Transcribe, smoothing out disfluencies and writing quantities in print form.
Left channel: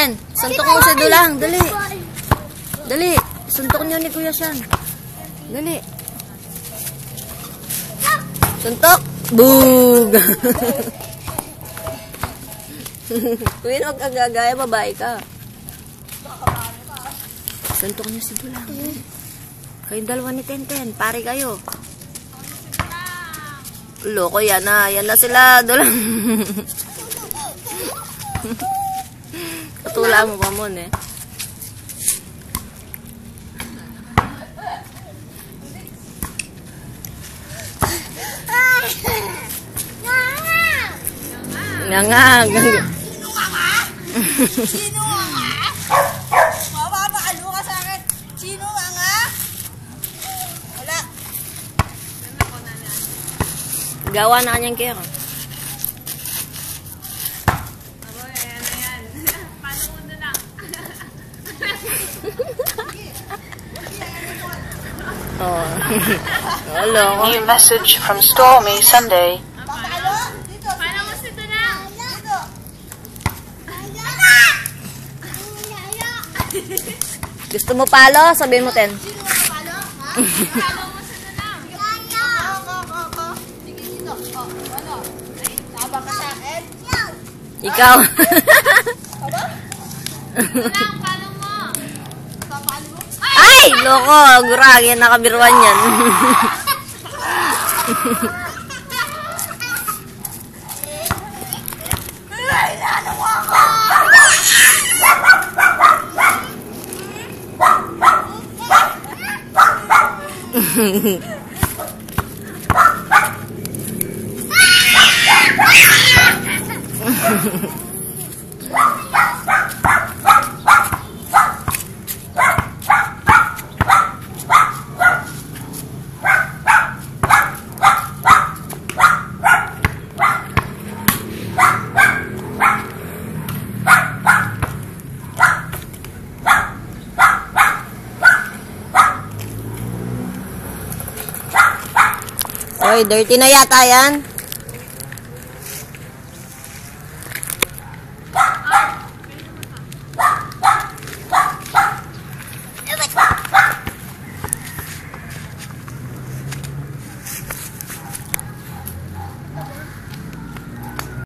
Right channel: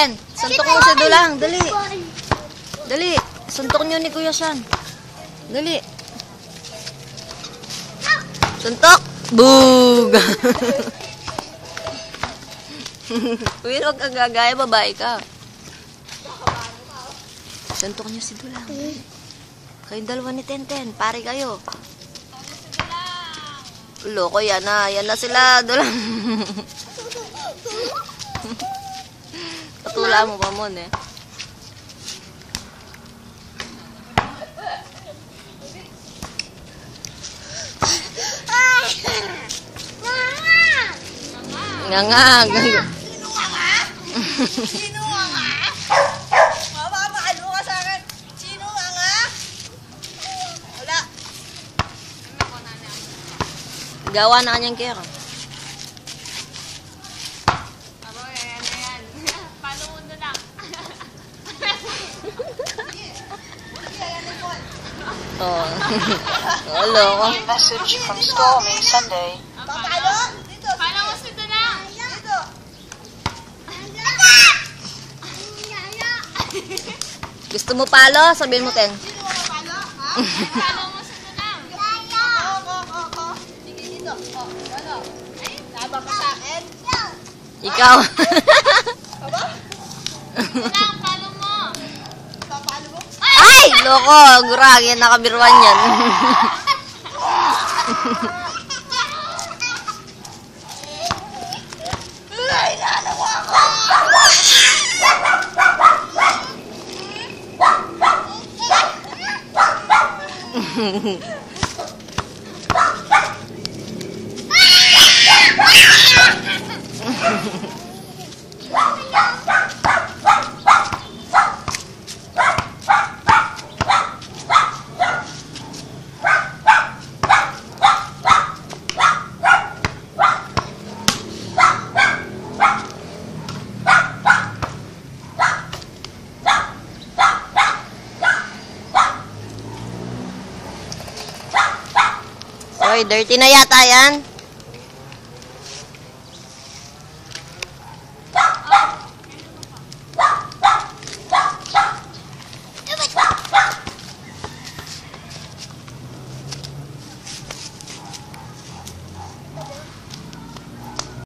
Ten, suntok mo si Dulang. Dali. Dali. Suntok niyo ni Kuya San. Dali. Suntok. Boog. Uy, huwag kang gagaya. Babae ka. Suntok niyo si Dulang. Kayong dalawa ni Tenten. Pare kayo. Loko, yan na. Yan na sila. Dulang. Patula mo pa mo, eh. Nga nga. Sino ka nga? Sino ka nga? Mapapakalo ka sa akin. Sino ka nga? Wala. Gawa na kanyang kera. Oh. Hello. New message from Stormy Sunday. Papalo? Dito. Paano mo si Dulang? Dito. Gusto mo palo? Sabihin mo, Ten. Sino ka palo? Ha? Paano mo si Dulang? Ako. Sige dito. Oh, ano? Laban ka sa akin? Ikaw. Aba? Dulang, paano mo? Papalo mo? Ay! Loko! Guragi. Nakabiruan yan. Ay, nana mo ako! Oy, dirty na yata yan.